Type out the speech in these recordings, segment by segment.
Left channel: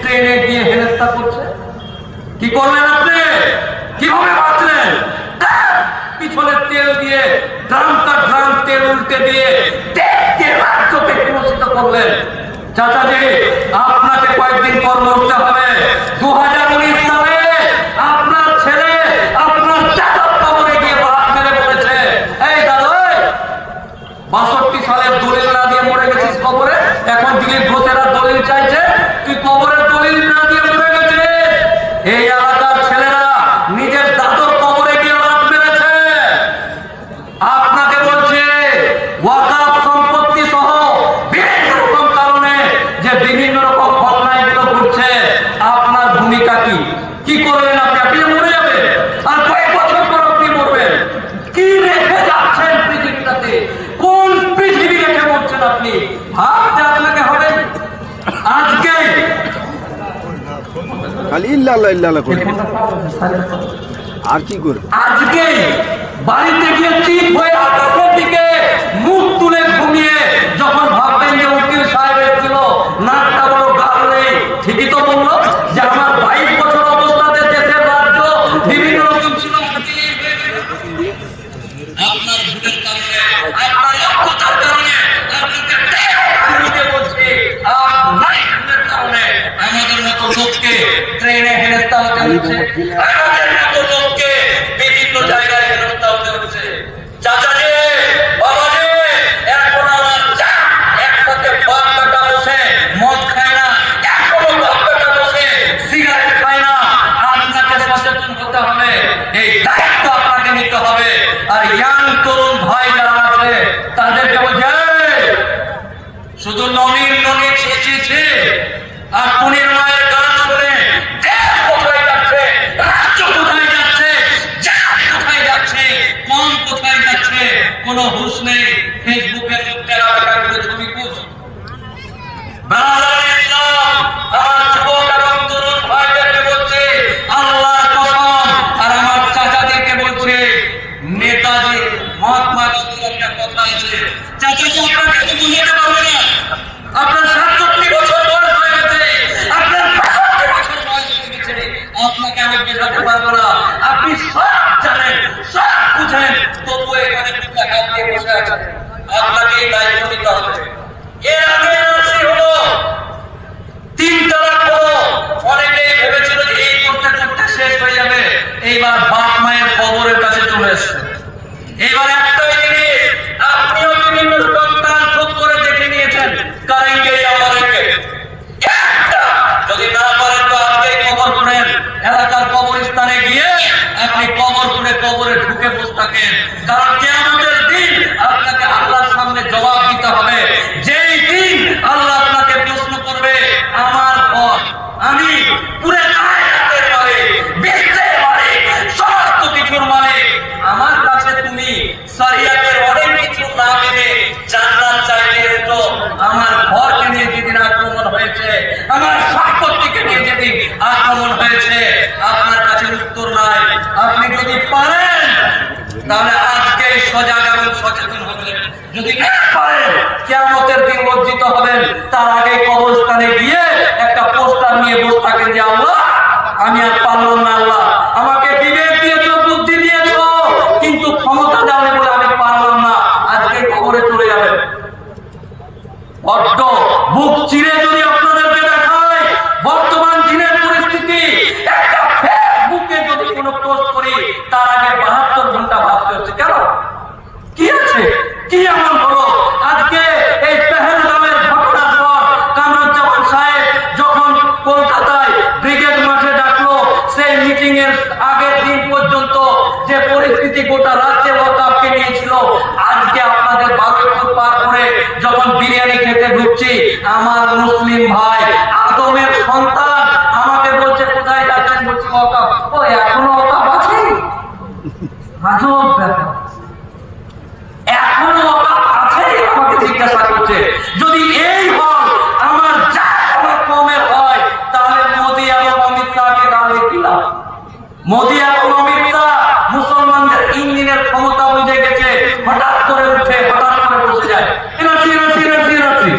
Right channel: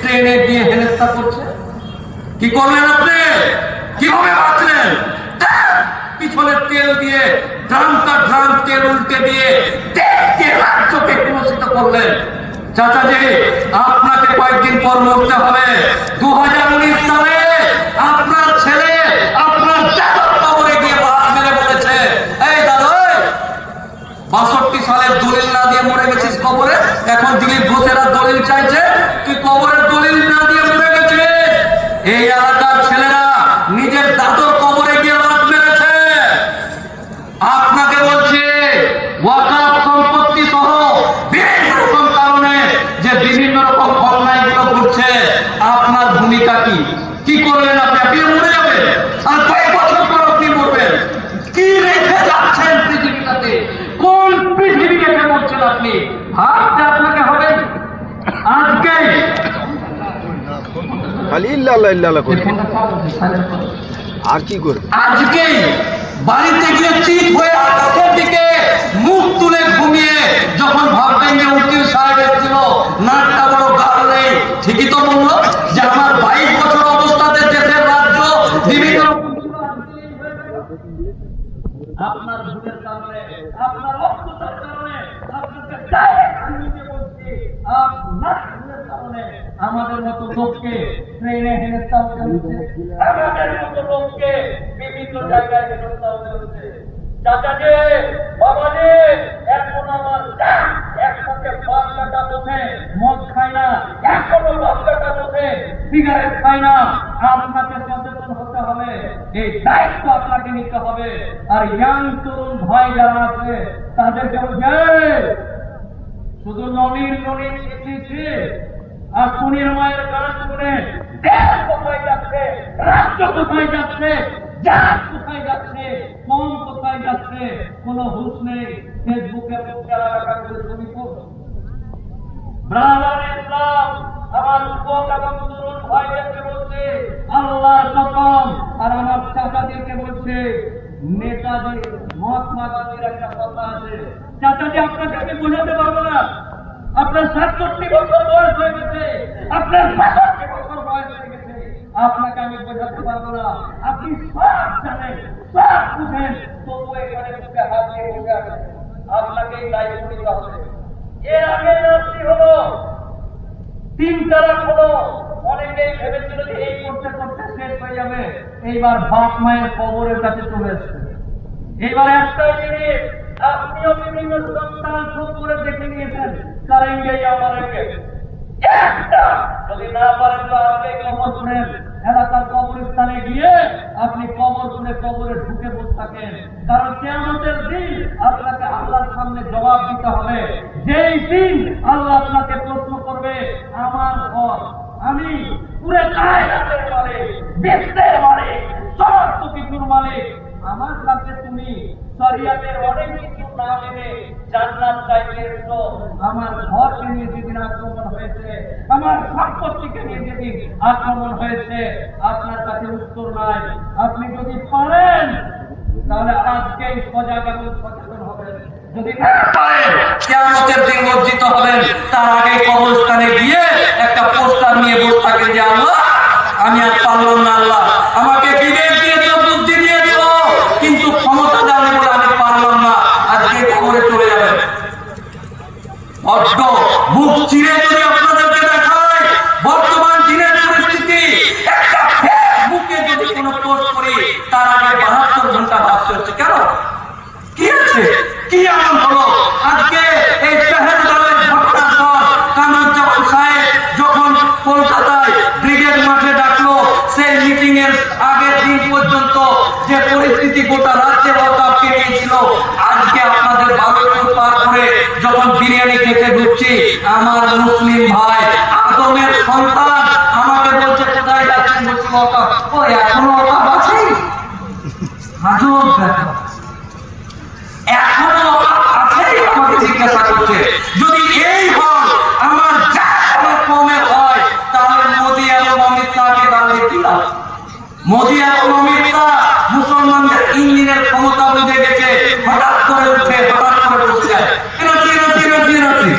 ট্রেনে গিয়ে হেনস্থা করছে। কি করলেন আপনি? কিভাবে বাঁচলেন? পিছনে তেল দিয়ে ড্রামটা ড্রাম তেল উল্টে দিয়ে দেশকে রাজ্যকে কুলসিত করলেন। চাচাজি, আপনাকে কয়েকদিন পর মরতে হবে। 2019 সালে আপনার ছেলে আপনার দাদার কবরে গিয়ে বাস মেরে বলেছে, এই দাদা 62 সালের দলিল না দিয়ে মরে গেছিস কবরে, এখন দিলীপ ঘোষেরা দলিল চাইছে, তুই কবরের দলিল না দিয়ে মরে গেছিস। এই এলাকার ছেলেরা নিজের দাদর কবরে গিয়ে বাস মেরেছে। আপনাকে বলছে ওয়াকাফ সম্পত্তি সহ বিভিন্ন রকম কারণে যে বিভিন্ন রকম ঘটনাগুলো ঘটছে, আপনার ভূমিকা কি? কি করলেন আপনি? আপনি মরে যাবেন, আর কয়েক বছর পর আপনি মরবেন। কি রেখে যাচ্ছেন পৃথিবীটাতে? কোন পৃথিবী রেখে মরছেন আপনি? ভাবতে আপনাকে হবে। আজকেই খালি ইল্লাল্লাহ ইল্লাল্লাহ করে আর কি করে? আজকেই বাড়িতে গিয়ে চিত হয়ে আকাশের দিকে মুখ তুলে ঘুমিয়ে যখন ভাববেন যে উকিল সাহেব এসেছিল, নাকটা বড় গাল নেই, ঠিকই তো বললো যে আমার 22 বছর অবস্থাতে দেশের রাজ্য বিভিন্ন রকম ছিল। আপনার ভুলের কারণে, আপনার অজ্ঞতার কারণে, আপনাকে ডাইরেক্ট বলছি, আপনার ভুলের কারণে আমাদের মতো লোককে ট্রেনে হেনস্থা হতে হচ্ছে, আমাদের মতো লোককে বিভিন্ন জায়গায় হেনস্থা হতে হচ্ছে। চাচাজি, বাবাজি, এখন আমার একসাথে বাপ কাটা বসে মদ খায় না, এখনো বাপ কাটা বসে সিগারেট খায় না। আপনাকে সচেতন হতে হবে, এই দায়িত্ব আপনাকে নিতে হবে। আর ইয়াং তরুণ ভাই যারা আছে তাদেরকে বলছে, শুধু ননির ননি চেয়েছে আর টুনির মায়ের গান শুনে দেশ কোথায় যাচ্ছে, রাজ্য কোথায় যাচ্ছে, জাত কোথায় যাচ্ছে, কম কোথায় যাচ্ছে, কোনো হুঁশ নেই। ফেসবুকে করে ছবি পোস্ট। আমার যুবক এবং তরুণ ভাইদেরকে বলছে, আল্লাহর কসম, আর আমার চাচাদেরকে বলছে, নেতাজি মহাত্মা গান্ধীর একটা কথা আছে, চাচাজি আপনাকে তো বুঝাতে পারবে না, আপনার 67 বছর বয়স হয়ে গেছে, আপনার 65 বছর বয়স হয়ে গেছে, আপনাকে আমি বোঝাতে পারবো না। আপনি সব জানেন, সব বুঝেন, তবু এখানে দুটো হাত দিয়ে বসে আছেন। আপনাকে এই দায়িত্ব নিতে হবে। এর আগে এনআরসি হলো, 3 তালাক হলো, অনেকেই ভেবেছিল যে এই করতে করতে শেষ হয়ে যাবে। এইবার বাপ মায়ের কবরের কাছে চলে এসছে। এইবার একটাই জিনিস, আপনিও বিভিন্ন সন্তান খুব করে দেখে নিয়েছেন, কারেঙ্গে আমারেঙ্গে। যদি না পারেন তো আজকেই কবর করেন, এলাকার কবরস্থানে গিয়ে আপনি কবর করে কবরে ঢুকে বসে থাকেন। কারণ কিয়ামতের দিন আপনাকে আল্লাহর সামনে জবাব দিতে হবে। যেই দিন আল্লাহ আপনাকে প্রশ্ন করবে, আমার ঘর আমি পুরো কায়নাতের মালিক, বিশ্বের মালিক, সমস্ত কিছুর মালিক, আমার কাছে তুমি শরিয়তের অনেক কিছু না মেনে জান্নাত চাইতে এসেছো। আমার ঘরকে নিয়ে যেদিন আক্রমণ হয়েছে, আমার সম্পত্তিকে নিয়ে যেদিন আক্রমণ হয়েছে, আপনার কাছে উত্তর নাই। আপনি যদি পারেন তাহলে আজকে সজাগ এবং সচেতন হবেন। যদি না পারেন, কিয়ামতের দিন লজ্জিত হবেন। তার আগে কবরস্থানে গিয়ে একটা পোস্টার নিয়ে বসে থাকেন যে আল্লাহ আমি আর পারলাম না, আল্লাহ আমাকে বিবেক দিয়েছো, বুদ্ধি দিয়েছো, কিন্তু ক্ষমতা দাওনি বলে আমি পারলাম না। আজকে কবরে চলে যাবেন। বড্ড বুক চিরে যদি আপনাদেরকে দেখায় বর্তমান দিনের পরিস্থিতি, একটা ফেসবুকে যদি কোনো পোস্ট করি তার আগে 72 ঘন্টা ভাবতে হচ্ছে। কেন? কি আছে? কি এমন হলো? আজকে এই পেহেলগামের ঘটনার পর কামরুজ্জামান সাহেব যখন কলকাতায় ব্রিগেড মাঠে ডাকলো, সেই মিটিং এর আগের দিন পর্যন্ত যে পরিস্থিতি গোটা রাজ্যে ওয়াকাফকে নিয়েছিল, আজকে আপনাদের 12 ফুট পার করে যখন বিরিয়ানি খেতে ঢুকছি, আমার মুসলিম ভাই আদমের সন্তান আমাকে বলছে কোথায় যাচ্ছেন, বলছি ওয়াকাফ। ও এখনো ওয়াকাফ আছে? আজব ব্যাপার, এখনো আছে? আমাকে জিজ্ঞাসা করছে। যদি এই হয়, আমার যা কমের হয়, তাহলে মোদী এবং অমিত শাহকে দাঁড়িয়ে দিলাম। মোদী এবং অমিত শাহ মুসলমানদের ইঞ্জিনের ক্ষমতা বুঝে গেছে, হঠাৎ করে উঠে হঠাৎ করে বসে যায়, এনার্জি এনার্জি এনার্জি এনার্জি,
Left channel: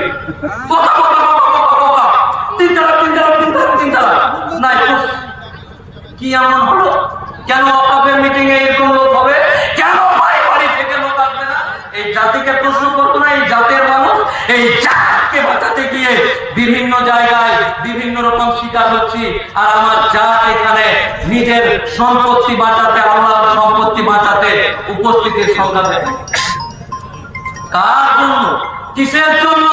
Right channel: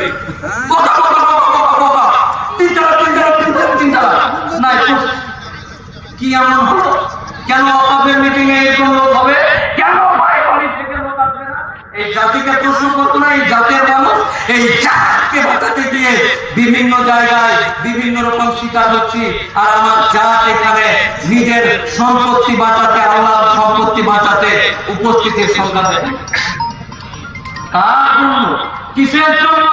তিন চার কি এমন হলো? কেন ওয়াকাফের মিটিং এ এরকম লোক হবে? কেন বাড়ি থেকে লোক আসবে না? এই জাতিকে প্রশ্ন করতো না এই জাতের মানুষ? এই জাতকে বাঁচাতে গিয়ে বিভিন্ন জায়গায় বিভিন্ন রকম শিকার হচ্ছি, আর আমার জাত এখানে নিজের সম্পত্তি বাঁচাতে, আল্লাহর সম্পত্তি বাঁচাতে উপস্থিতির সংখ্যা দেয়। কার জন্য, কিসের জন্য?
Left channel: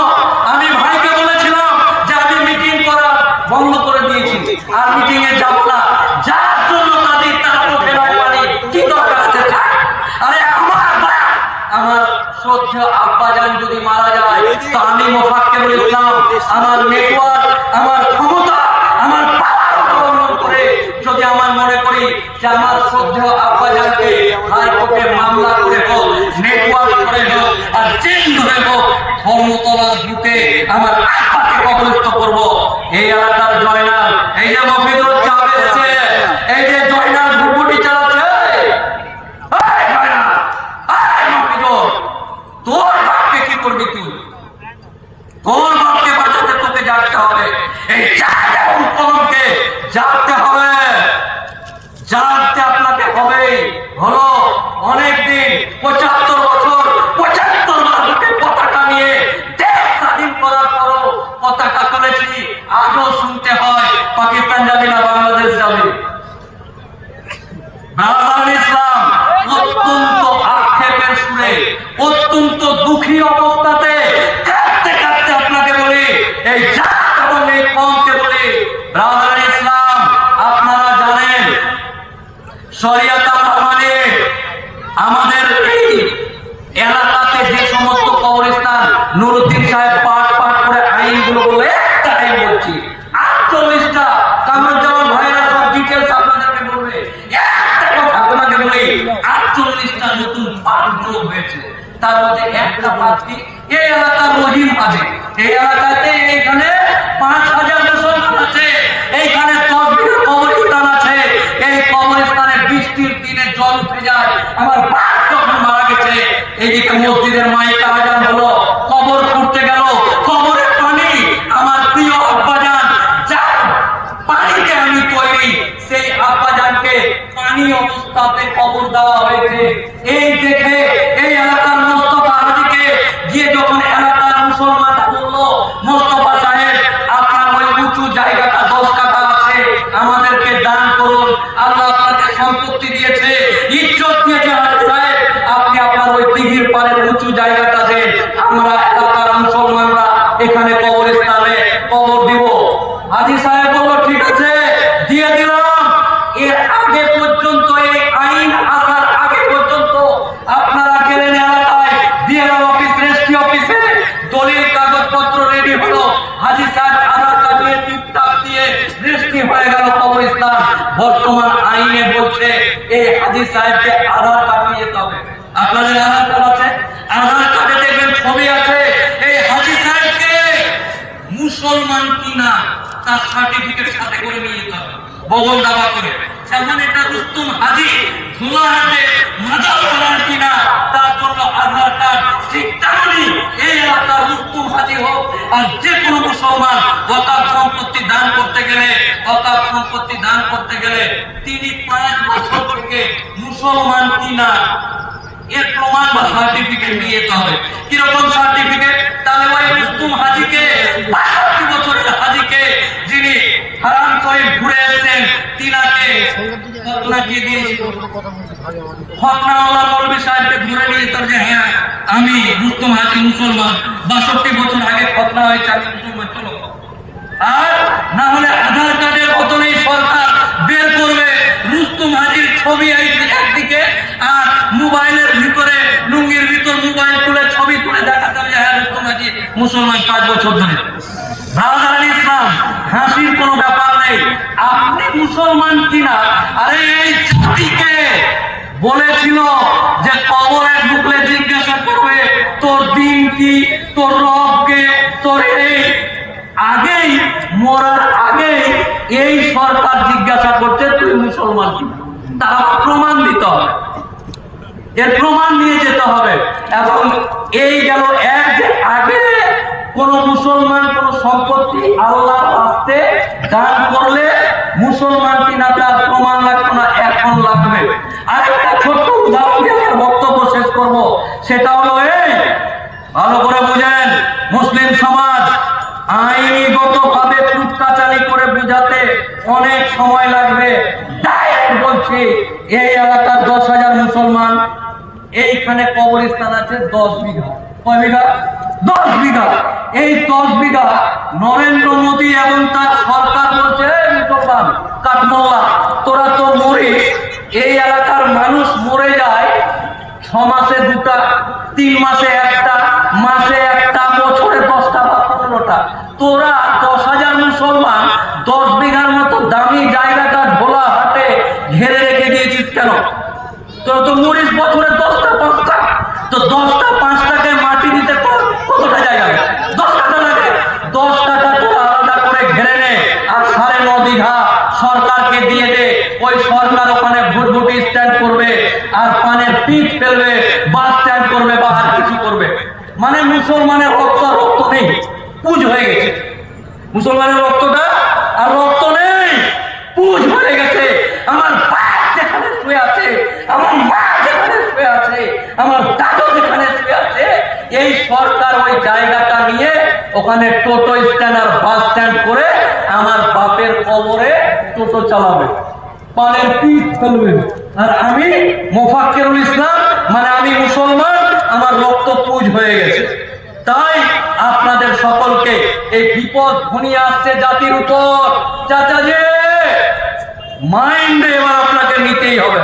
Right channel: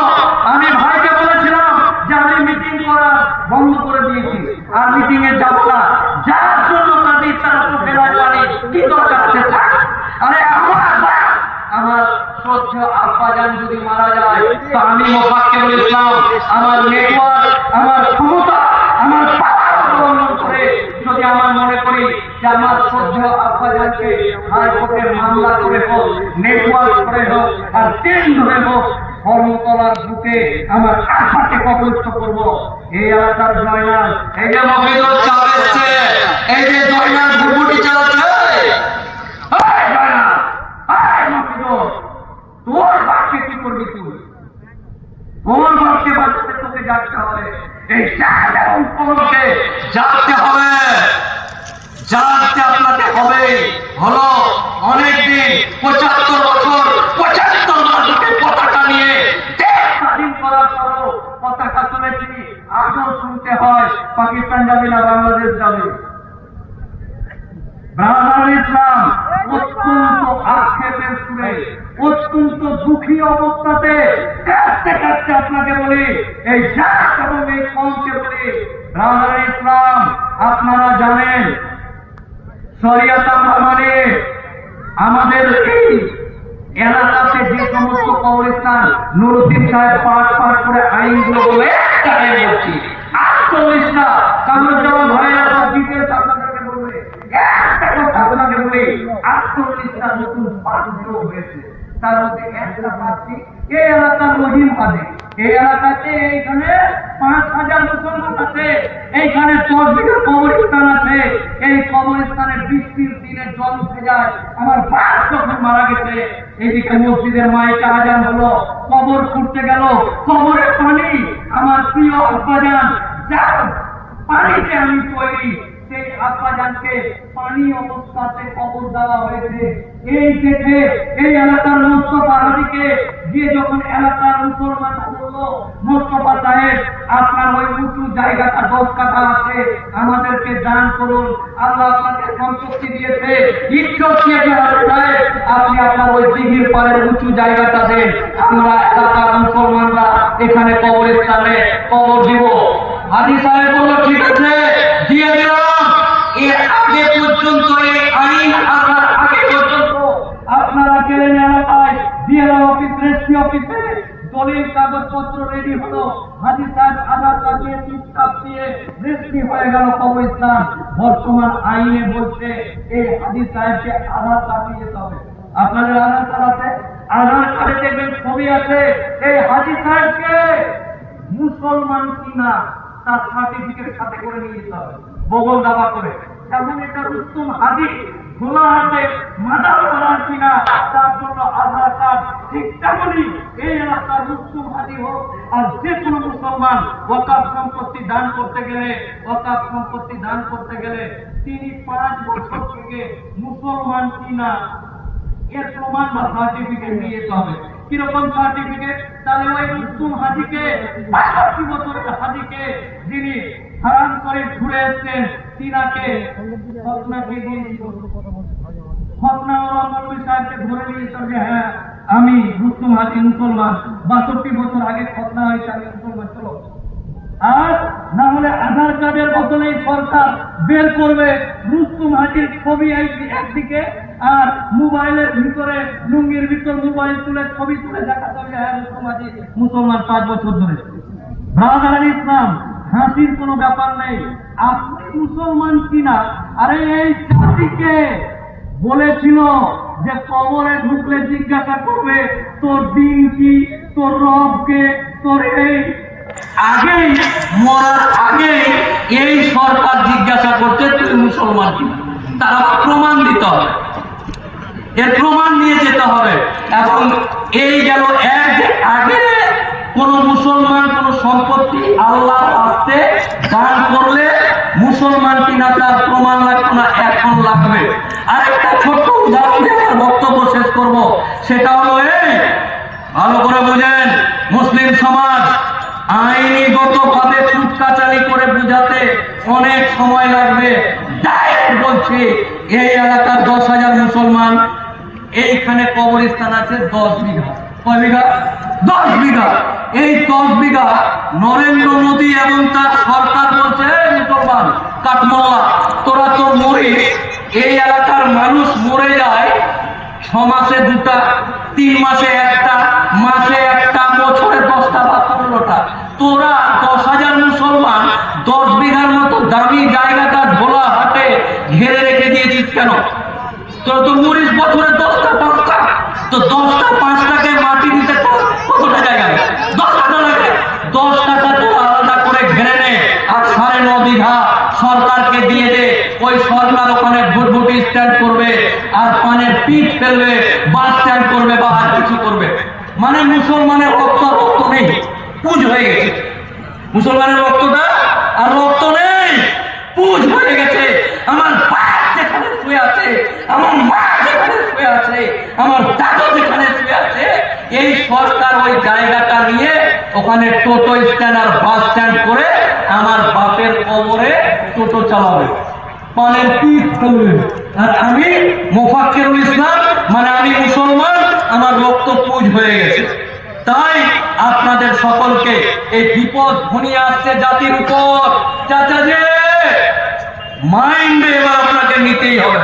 আমি ভাইকে বলেছিলাম যে আমি মিটিং করা বন্ধ করে দিয়েছি, আর মিটিং এ যাব না। যার জন্য তাদের তার ফেরায় পারি, কি দরকার আছে? আরে আমার শ্রদ্ধেয় আব্বাজান যদি মারা যায়, তো আমি মোফাক্কে বলেছিলাম আমার নেটওয়ার্ক, আমার ক্ষমতা, আমার পাওয়ার অবলম্বন করে যদি আমার মনে করি যে আমার শ্রদ্ধেয় আব্বাজানকে হাইকোর্টে মামলা করে হোক, নেটওয়ার্ক করে হোক, আর জেল ধরে হোক, ধর্মতলার বুকে আমার আব্বাকে কবরস্থ করব। এই এলাকার জয়নাল, এই যে মফিদুল চালাচ্ছে, এই যে জয়নাল ঘুরঘুটি চালাচ্ছে, তোর বাপকে কি করবি তুই? তোর বাপকে বাঁচাতে তোকে জানতে হবে। এই জাত এবং কলমকে জানতে হবে, জানতে আপনাকে হবে। হলো অনেকদিন, 75 বছর, 75 মানুষকে পতাকা নিয়ে দেশ স্বাধীন করার পরও পতাকা তুলেছি। আজও শুনতে হয় পাকিস্তান যাবি না বাংলাদেশ যাবি। ব্রাদার ইসলাম অত্যন্ত আক্ষেপের সুরে, অত্যন্ত দুঃখী অবস্থাতে কাঁদতে কাঁদতে আপনাকে বলি, এই জাত এবং এই কওমকে বলি, ব্রাদার ইসলাম আপনারা জানেন শরিয়ত আমরা মানি। আমাদের এই এলাকাতে যে সমস্ত কবরস্থান নুরুদ্দিন সাহেব পাঠ করে আইনগুলো বলে, একটা আইন বলছি 48টা, কামরুজ্জামান ভাইরা সব ডিটেলস আপনাদেরকে বলবে। একটা কথা আপনাকে বলি, 48টা নতুন পাঠ হয়েছে। তার মধ্যে একটা পাঠটি এই এলাকার রহিম হাজি, এই এলাকাতে এইখানে 5000 মুসলমান আছে, এইখানে 10 বিঘা কবরস্থান আছে। এই কবরস্থানে বৃষ্টির দিনে জল উঠে যায়। আমার বাপ যখন মারা গেছে, এইদিকে মসজিদের মাইকে আজান হলো, কবর খুঁড়তে গেল, কবরের পানি আমার প্রিয় আব্বাজান যার পানিতে আমি তৈরি, সেই আব্বাজানকে পানি অবস্থাতে কবর দেওয়া হয়েছে। এই দেখে এই এলাকার মোস্তফা হাজিকে গিয়ে যখন এলাকার মুসলমানরা বললো, মোস্তফা সাহেব আপনার ওই উঁচু জায়গাটা 10 কাঠা আছে, আমাদেরকে দান করুন, আল্লাহ আপনাকে সম্পত্তি দিয়েছে, ইজ্জত দিয়েছে, সাহেব আপনি আপনার ওই দিঘির পাড়ের উঁচু জায়গাটা দেন, আমরা এলাকার মুসলমানরা এখানে কবরস্থানে কবর দিব। হাজি সাহেব বললো ঠিক আছে, দিয়ে দিলাম। এর আগে পর্যন্ত, এই আইন আসার আগে পর্যন্ত আপনারা গেলেন এলাকায়, বিএলও অফিস, রেজিস্ট্রি অফিসে দলিল কাগজপত্র রেডি হলো, হাজি সাহেব আধার কার্ড দিয়ে টিপটাপ দিয়ে রেজিস্ট্রি হয়ে গেল কবরস্থান। বর্তমান আইনে বলছে এই হাজি সাহেবকে আধার কার্ড নিয়ে যেতে হবে। আপনাদের আধার কার্ড আছে? আধার কার্ডে দেখবেন ছবি আছে। এই হাজি সাহেবকে মুসলমান কিনা তার সার্টিফিকেট সাথে করে নিয়ে যেতে হবে, বগল দাবা করে। যেমন এটা রুস্তুম হাজি ধোলা হাতে মাদাল করার কিনা তার জন্য আধার কার্ড, ঠিক তেমনি এই এলাকার রুস্তুম হাজি হোক আর যে কোনো মুসলমান ওয়াকাফ সম্পত্তি দান করতে গেলে, ওয়াকাফ সম্পত্তি দান করতে গেলে তিনি 5 বছর থেকে মুসলমান কিনা এর প্রমাণ বা সার্টিফিকেট নিয়ে যেতে হবে। কিরকম সার্টিফিকেট? তাহলে ওই রুস্তুম হাজিকে, 65 বছরের হাজিকে যিনি হারাম করে ঘুরে এসেছেন, তিনাকে ফতনাকে দিয়েছিল, ফতনাওয়ালা মৌলভী সাহেবকে ধরে নিয়ে যেত যে হ্যাঁ আমি রুস্তুম হাজি মুসলমান, 62 বছর আগে ফতনা হয়েছে, আমি মুসলমান, চলো। আর না হলে আধার কার্ডের বদলে সরকার বের করবে রুস্তুম হাজির ছবি একদিকে, আর মোবাইলের ভিতরে, লুঙ্গির ভিতর মোবাইল তুলে ছবি তুলে দেখা যাবে হ্যাঁ রুস্তুম হাজি মুসলমান 5 বছর ধরে। ব্রাদার ইসলাম, হাসির কোনো ব্যাপার নেই। আপনি মুসলমান কিনা, আরে এই জাতিকে বলেছিল যে কবরে ঢুকলে জিজ্ঞাসা করবে তোর দিন কি, তোর রবকে, তোর এই আগেই মরার আগে এই সরকার জিজ্ঞাসা করছে তুই মুসলমান কিনা। তারা প্রমাণ দিতে হবে, এর প্রমাণ নিয়ে যেতে হবে। এবং এই গেল এক যে আগে কোন মুসলমান কোন সম্পত্তি আল্লাহর রাস্তায় দান করলে মুসলমান কিনা তার প্রমাণ লাগবে না, এখন লাগবে। আর একটা ছোট্ট উদাহরণ দিয়ে আমার বক্তব্য শেষ করব। সেটা হলো এই, ভালো করে বুঝেন, মুসলিম সমাজ আইনিগত ভাবে কুটকাচালি করে বুঝাতে অনেক সময় লাগবে। ডাইরেক্ট বলছি, এই এলাকার 10,000 মুসলমান, এইখানে কবরস্থান আছে 10 বিঘা। কয় বিঘা? 10 বিঘা। এই 10 বিঘা নরেন্দ্র মোদী এবং তার সরকার বলছে, মুসলমান কাঠমোল্লা তোরা তো মরিস, এই এলাকার মানুষ মরে যায় 6 মাসে 2টা, 3 মাসে 1টা, মাসে 1টা, বছরে 10টা বা 15টা। তোরা 10,000 মুসলমান 10 বিঘার মতো দামি জায়গাটা ভোলা হাটে ঘেরে রেখে দিয়েছিস কেন? তোরা তো মরিস বছরে 10টা 5টা, তো 10টা 5টাকে মাটি দিতে কতটা জায়গা? 10 টাকা লাগে। 10 টাকা তোরা আলাদা করে ঘেরে নে, আর 9.5 বিঘা সরকারকে দিয়ে দে। ওই সরকার ওখানে ভুটভুটি স্ট্যান্ড করবে, আর পানের পিঠ ফেলবে, বাস স্ট্যান্ড করবে, বা আর কিছু করবে। মানে মুসলমানের রক্ত নেই, পুজ হয়ে গেছে। মুসলমানের রক্তটা আর রক্ত নেই, পুজ হয়ে গেছে। আমার বাপ যেখানে শুয়ে আছে, আমার মা যেখানে শুয়ে আছে, আমার দাদু যেখানে শুয়ে আছে, এই সরকার ওই জায়গাটা নিয়ে ওখানে টোটো স্ট্যান্ড আর বাস স্ট্যান্ড করে আমার বাপের কবরে টোটো চালাবে, পানের পিঠ ফেলবে। আর আমি মোফাক্কিরুল ইসলাম, মানে আমি মুসলমান, আমার রক্ত পুজ হয়ে গেছে। তাই আপনাদের সকলকে এই বিপদ ঘনিয়ে আসছে জাতির উপর। চাচাজি, মাইন্ডে এবার আপনাকে নিতেই হবে।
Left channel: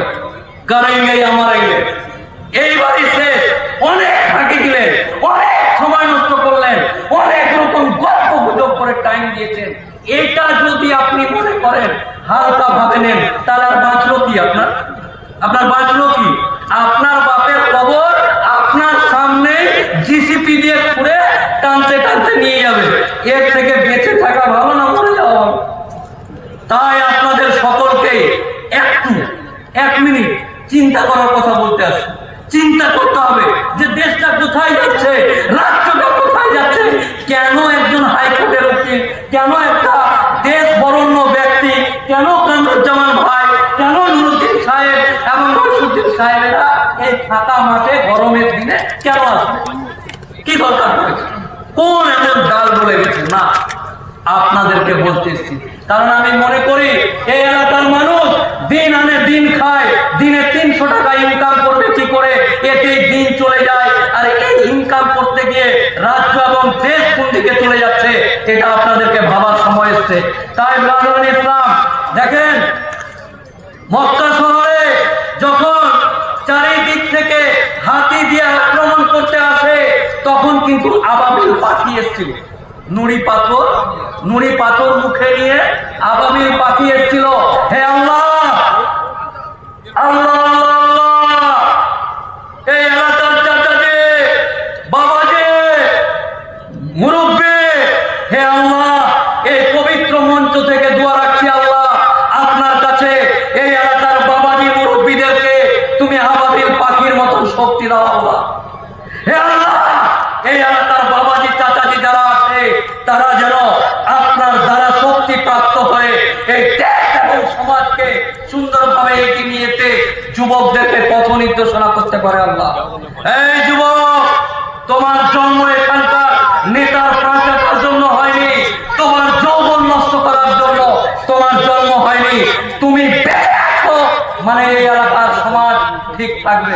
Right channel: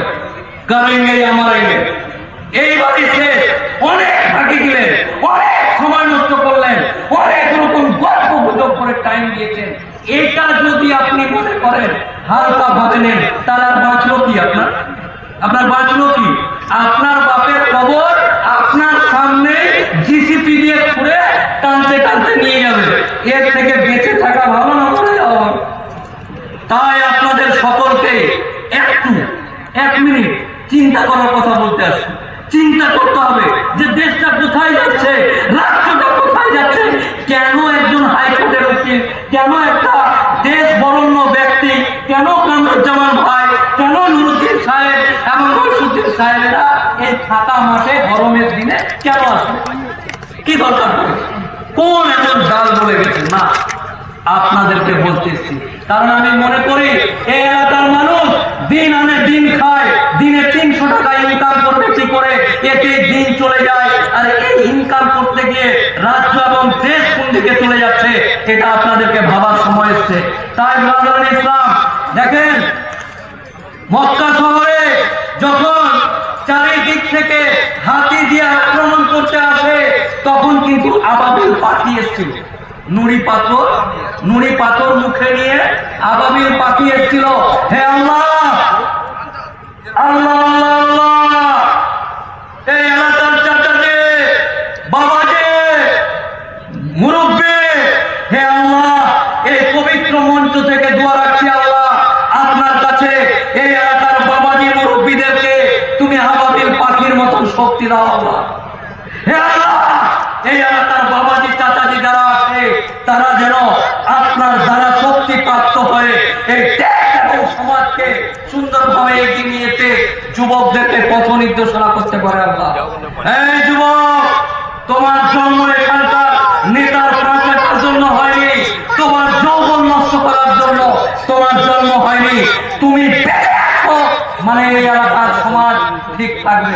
করেঙ্গে আমারেঙ্গে, এইবারই শেষ। অনেক ফাঁকি দিলেন, অনেক সময় নষ্ট করলেন, অনেক রকম গল্প গুজব করে টাইম দিয়েছেন। এটা যদি আপনি মনে করেন হালকা ভাবে নেন, তাহলে আর বাঁচলো কি? আপনার বাঁচলো কি? আপনার বাপের কবর আপনার সামনে জিসিপি দিয়ে খুঁড়ে টানতে টানতে নিয়ে যাবে। এর থেকে বেঁচে থাকা ভালো না মরে যাওয়া? তাই আপনাদের সকলকে একটু 1 মিনিট চিন্তা করার কথা বলতে আসছি। চিন্তা করতে হবে যে দেশটা কোথায় যাচ্ছে, রাষ্ট্রটা কোথায় যাচ্ছে। কেন একজন হাইকোর্টের উকিল, কেন একটা দেশ বরণ্য ব্যক্তি, কেন কামরুজ্জামান ভাই, কেন নুরুদ্দিন সাহেব এবং রইসুদ্দিন সাহেবেরা এই ফাঁকা মাঠে গরমের দিনে কেন আসবে? কি দরকার পড়েছে? কোন এমন ডাল বলে গেছে? না, আপনাদেরকে বলতেছি, কারণ আমি মনে করি এই এলাকার মানুষ দিন আনে দিন খায়, দিনে 300 টাকা ইনকাম করবে কি করে, এতে দিন চলে যায়। আর এই ইনকাম করতে গিয়ে রাজ্য এবং দেশ কোন দিকে চলে যাচ্ছে, এটা আপনাদেরকে ভাবার সময় এসছে। তাই ব্রাদার ইসলাম, দেখেন মক্কা শহরে যখন চারিদিক থেকে হাতি দিয়ে আক্রমণ করতে আসে, তখন কিন্তু আবাবিল পাখি এসেছিল। নুড়ি পাথর মুখে নিয়ে আবাবিল পাখি এসেছিল। হে আল্লাহ, আল্লাহ আল্লাহ, এই এলাকার চাচাজি, বাবাজি, মুরব্বী, হে আল্লাহ, এই পবিত্র মঞ্চ থেকে দোয়া রাখছি আল্লাহ আপনার কাছে, এই এলাকার বাবাজি মুরব্বীদেরকে তুমি আবাবিল পাখির মতন শক্তি দাও আল্লাহ। হে আল্লাহ, এই এলাকার বাবাজি চাচাজি যারা আছে, তারা যেন আপনার দ্বারা শক্তি প্রাপ্ত হয়ে এই দেশ এবং সমাজকে সুন্দরভাবে এগিয়ে নিয়ে যেতে যুবকদেরকে পথ নির্দেশনা করতে পারে আল্লাহ। এই যুবক, তোমার জন্ম এখানকার নেতার পাঁচাটার জন্য হয়নি, তোমার যৌবন নষ্ট করার জন্য তোমার জন্ম হয়নি। তুমি বেঁচে আছো মানে এই এলাকার সমাজ ঠিক থাকবে,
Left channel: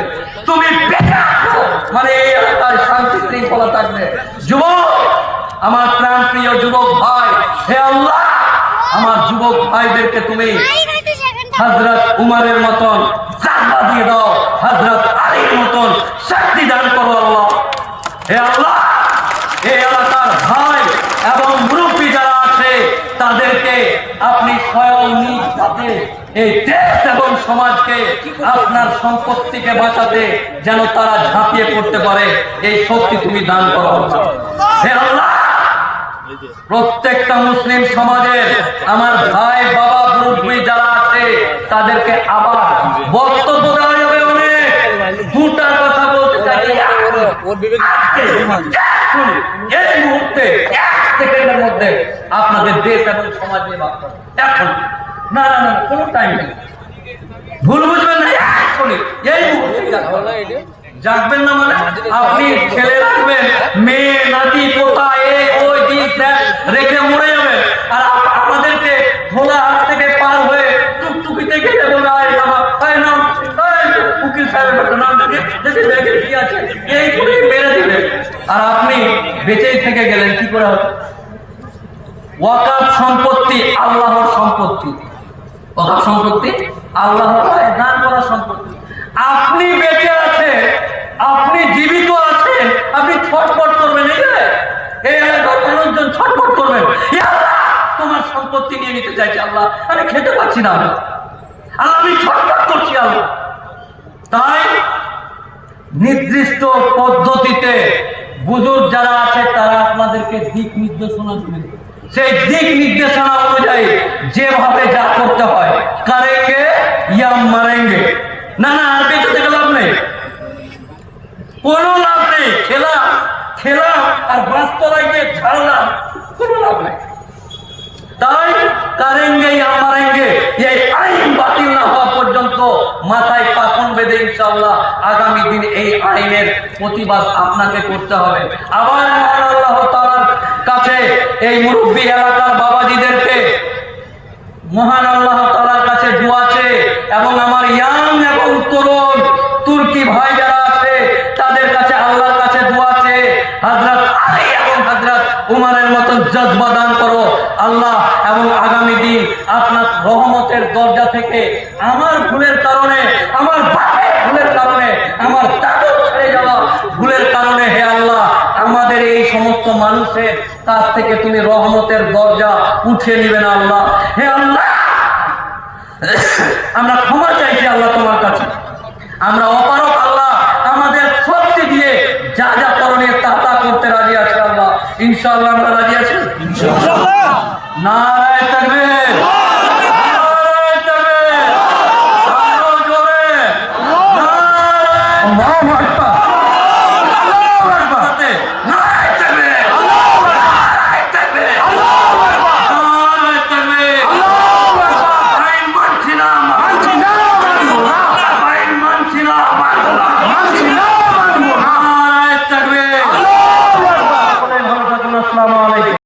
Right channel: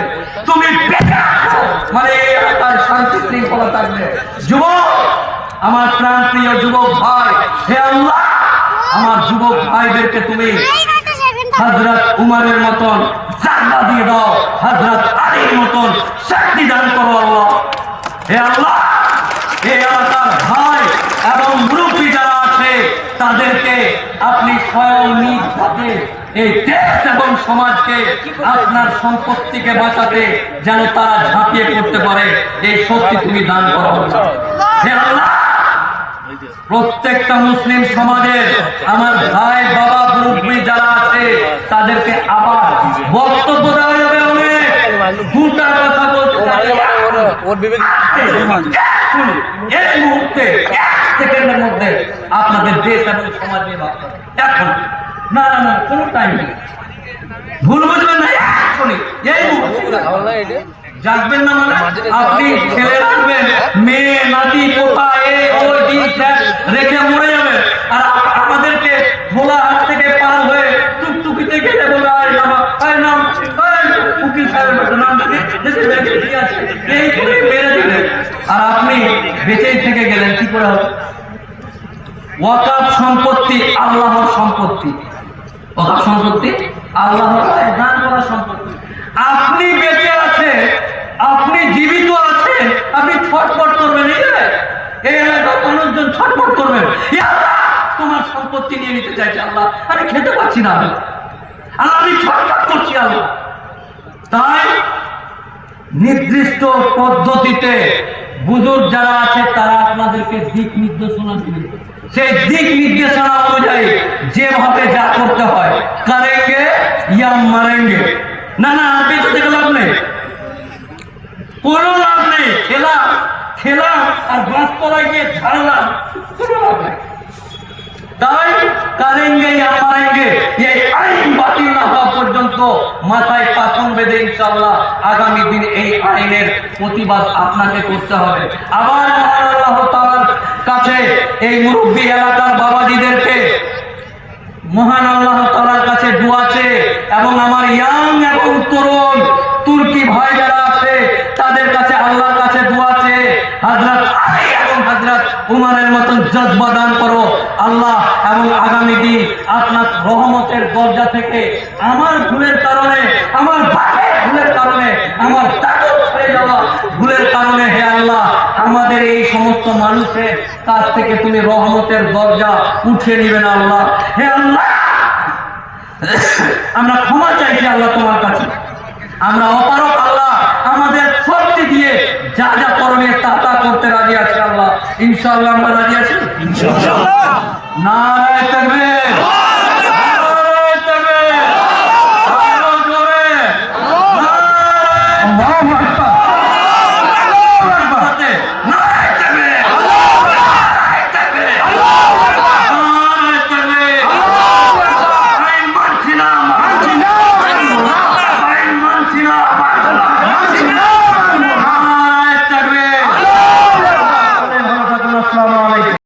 তুমি বেঁচে আছো মানে এই এলাকার শান্তি শৃঙ্খলা থাকবে। যুবক, আমার প্রাণ প্রিয় যুবক ভাই, হে আল্লাহ, আমার যুবক ভাইদেরকে তুমি হযরত উমরের মতন জাযবা দিয়ে দাও, হযরত আলীর মতন শক্তি দান করো আল্লাহ। হে আল্লাহ, এই এলাকার ভাই এবং মুরব্বী যারা আছে, তাদেরকে আপনি স্বয়ং নিজ হাতে এই দেশ এবং সমাজকে আপনার সম্পত্তিকে বাঁচাতে যেন তারা ঝাঁপিয়ে পড়তে পারে, এই শক্তি তুমি দান করো। হে আল্লাহ, প্রত্যেকটা মুসলিম সমাজের আমার ভাই বাবা মুরব্বী যারা আছে, তাদেরকে আবার বক্তব্য দেওয়া যাবে। অনেক দুটা কথা বলতে চাই এই মুহূর্তে 1 সেকেন্ডের মধ্যে আপনাদের দেশ এবং সমাজ নিয়ে ভাবতে এখন না না না, কোনো টাইম নেই, ভুল বুঝবেন না, এক্ষুনি, এই মুহূর্তে জাগবেন না মানে আপনি ছেলে রাখবেন, মেয়ে নাতি পোতা ওই দিন রেখে মরে যাবেন, আর আমাদেরকে ভোলা হাত থেকে পার হয়ে টুকটুকিতে গেলে বলে আয় নামা, আয় নাম, উকিল সাহেবের একটা নাম দেখে দেখে দেখে কি আছে এই করে মেরে দিলেন, আর আপনি বেঁচেই থেকে গেলেন, কি করে হবে? ওয়াকাফ সম্পত্তি আল্লাহর সম্পত্তি, ওয়াকাফ সম্পত্তি আল্লাহর দান করা সম্পত্তি। আপনি বেঁচে আছেন, আপনি জীবিত আছেন, আপনি ছটফট করবেন, এই এলাকার মানুষজন ছটফট করবেন, আল্লাহ তোমার সম্পত্তি নিয়ে নিতে চাইছে, আল্লাহ আমি খেতে পাচ্ছি না, আল্লাহ আমি ছটফট করছি আল্লাহ। তাই নির্দিষ্ট পদ্ধতিতে বুজুর্গ যারা আছে তারা আপনাদেরকে দিক নির্দেশনা দিবে, সেই দিক নির্দেশনা অনুযায়ী যেভাবে যা করতে হয় করেঙ্গে ইয়া মারেঙ্গে। না না, আর বেঁচে থেকে লাভ নেই, কোনো লাভ নেই, খেলাম আর গাছতলায় গিয়ে ছাড়লাম, কোনো লাভ নেই। তাই করেঙ্গে ইয়া মারেঙ্গে, এই আইন বাতিল না হওয়া পর্যন্ত মাথায় পাথর বেঁধে ইনশাআল্লাহ আগামী দিন এই আইনের প্রতিবাদ আপনাকে করতে হবে। আবার মহান আল্লাহ তাআলার কাছে এই মুরব্বী এলাকার বাবাজিদেরকে মহান আল্লাহ তাআলার কাছে দোয়া চেয়ে, এবং আমার ইয়াং এবং তরুণ তুর্কি ভাই যারা আছে তাদের কাছে আল্লাহর কাছে দোয়া চেয়ে হযরত আলী এবং হযরত উমরের মতন জজবা দান করো আল্লাহ, এবং আগামী দিন আপনার রহমতের দরজা থেকে আমার ভুলের কারণে, আমার বাপের ভুলের কারণে, আমার দাদুর ছেড়ে যাওয়া ভুলের কারণে হে আল্লাহ আমাদের এই সমস্ত মানুষের কাছ থেকে তুমি রহমতের দরজা উঠিয়ে নিবেন আল্লাহ। হে আল্লাহ আমরা ক্ষমা চাইছি আল্লাহ তোমার কাছে, আমরা অপারক আল্লাহ, আমাদের শক্তি দিয়ে যা যা করণীয় তা তা করতে রাজি আছি আল্লাহ, ইনশাআল্লাহ আমরা রাজি আছি। নারায়ে তাকবীর, নারায়ে তাকবীর, আরো জোরে নারায়ে।